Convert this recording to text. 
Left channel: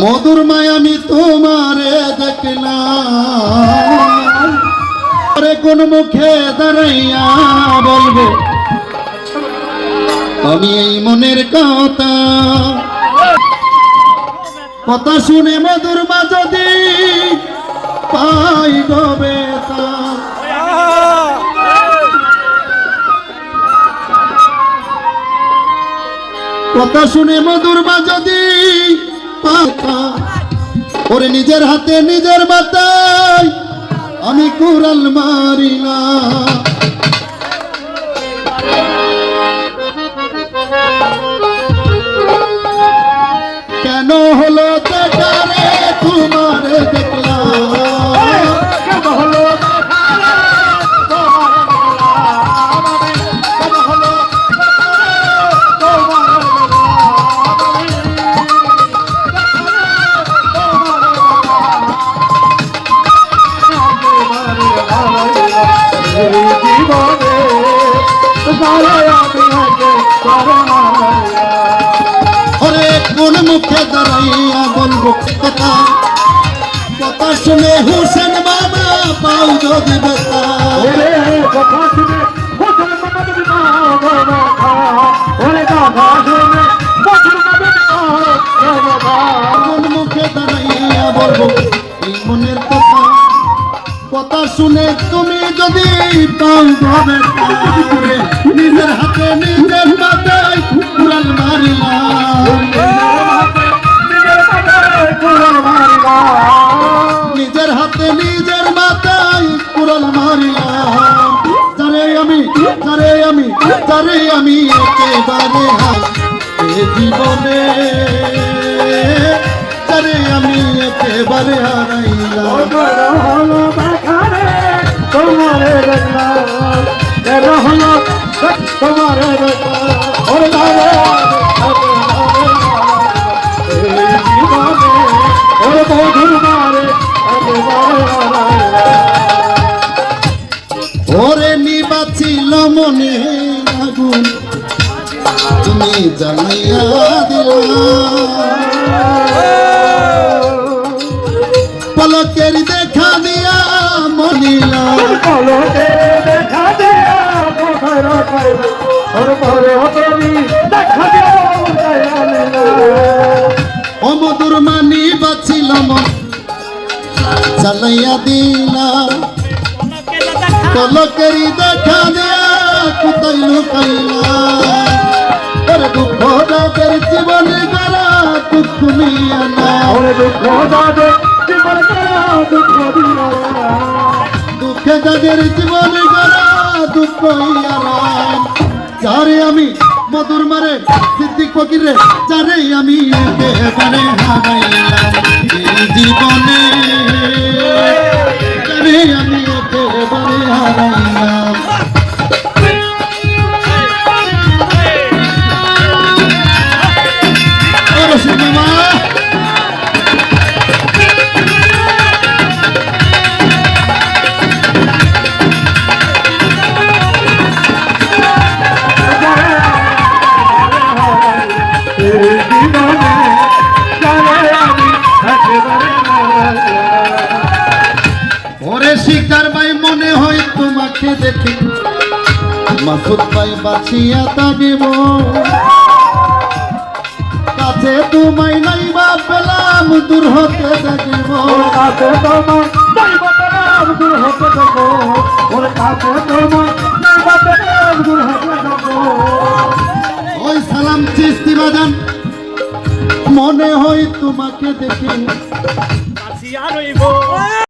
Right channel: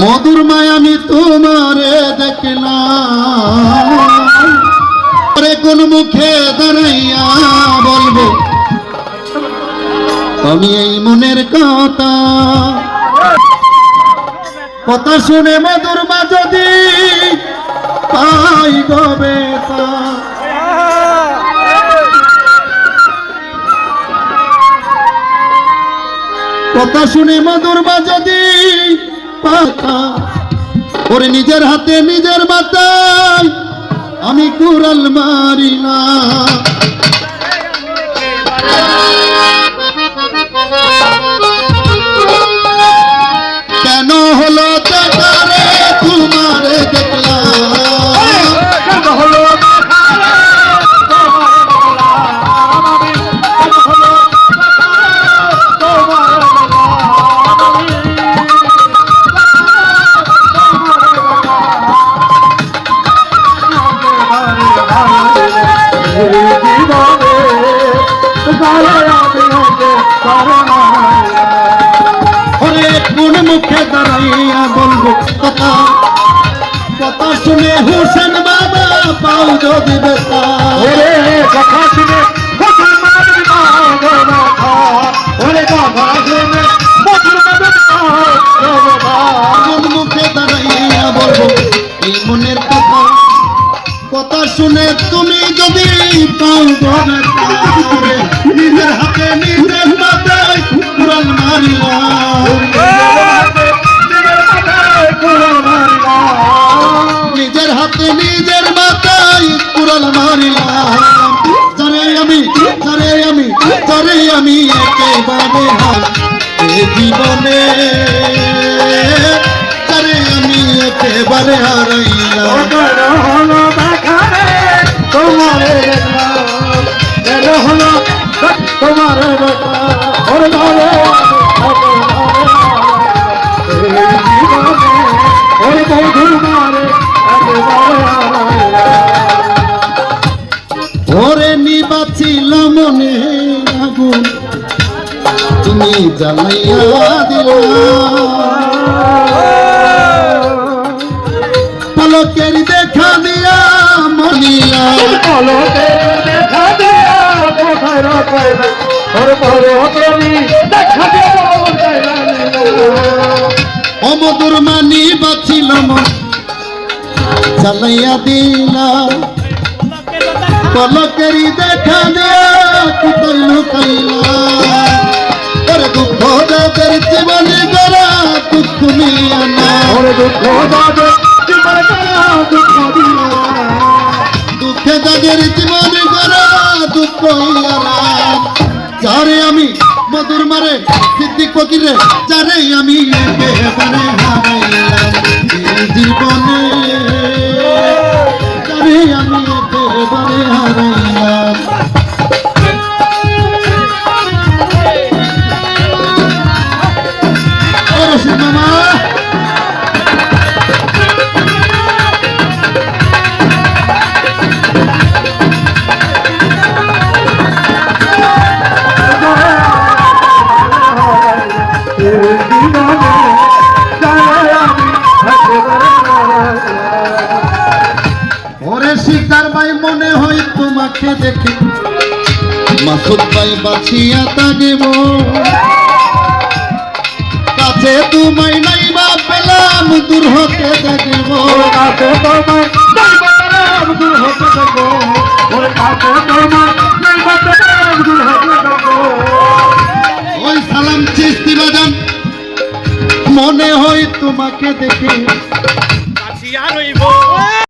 মধুর মায় আমি তোমারে দেখলাম, কোন মুখে দাঁড়াইয়া বলবো আমি এই মনের কথা। কথা শুনে মধুর মা যদি পাই গবে, কথা শুনে মধুর মা যদি পাতা ওরে নিজের হাতে নিজের মাথায় আমি কুড়াল মারি না। কেন হলো দেখারে তোমারে দেখলাম, কেন হলো কোন মুখে দাঁড়াইয়া বলবো কথা। কথা শুনে হোসেন বাবা পাও যদি বেতা, কথা শুনে হোসেন বাবা যদি পাও ব্যথা, ওরে কথা শুনে কোন মুখে দাঁড়াইয়া বলবো এই মনের কথা। কথা শুনে তুমি যদি পাও ব্যথা, নিজের হাতে নিজের মাথায় কুড়াল মারিলাম, নিজের হাতে নিজের মাথায় কুড়াল মারিলাম। যারে আমি একেবারে জীবনে, যারে আমি একেবারে হারাইলাম। তোমারে দেখলাম, তোমারে ওরে নিবাছিল মনে আগুন তুমি জ্বালাইয়া দিলা, পলকের দেখা দিয়া মনিলা, পলকের দেখা দিয়া অমধুর মানি বাছিলাম জ্বালাইয়া দিলা, পলকেরি দেখা দিয়া কোথায় লুকাইলা। ওরে দুঃখ যাদের জীবনে গড়া দুঃখ নিয়া না, দুঃখ যাদের জীবনে গড়া দুঃখ দিলা, দুঃখে যাদের জীবনে গড়া দুঃখ ইয়া। যারে আমি মধুর মারে সিদ্দিক ফকিরে, যারে আমি একেবারে হারাইলাম এই জীবনে, যারে আমি একেবারে হারাইলাম। ওরে শিকার ভাই মনে হয় তোমাকে দেখে, মাসুদ ভাই বাঁচিয়া থাকিব, কাছে তোমায় নাই বা পেলাম দূর হতে থাকিব, কাছে তোমায় নাই বা পেলাম দূর হতে থাকিব, ওরে কাছে তোমায় নাই বা পেলাম দূর হতে থাকিব। ওই সালাম চিস্তি বাজান মনে হয় তোমাকে দেখে বাঁচিয়া রইব।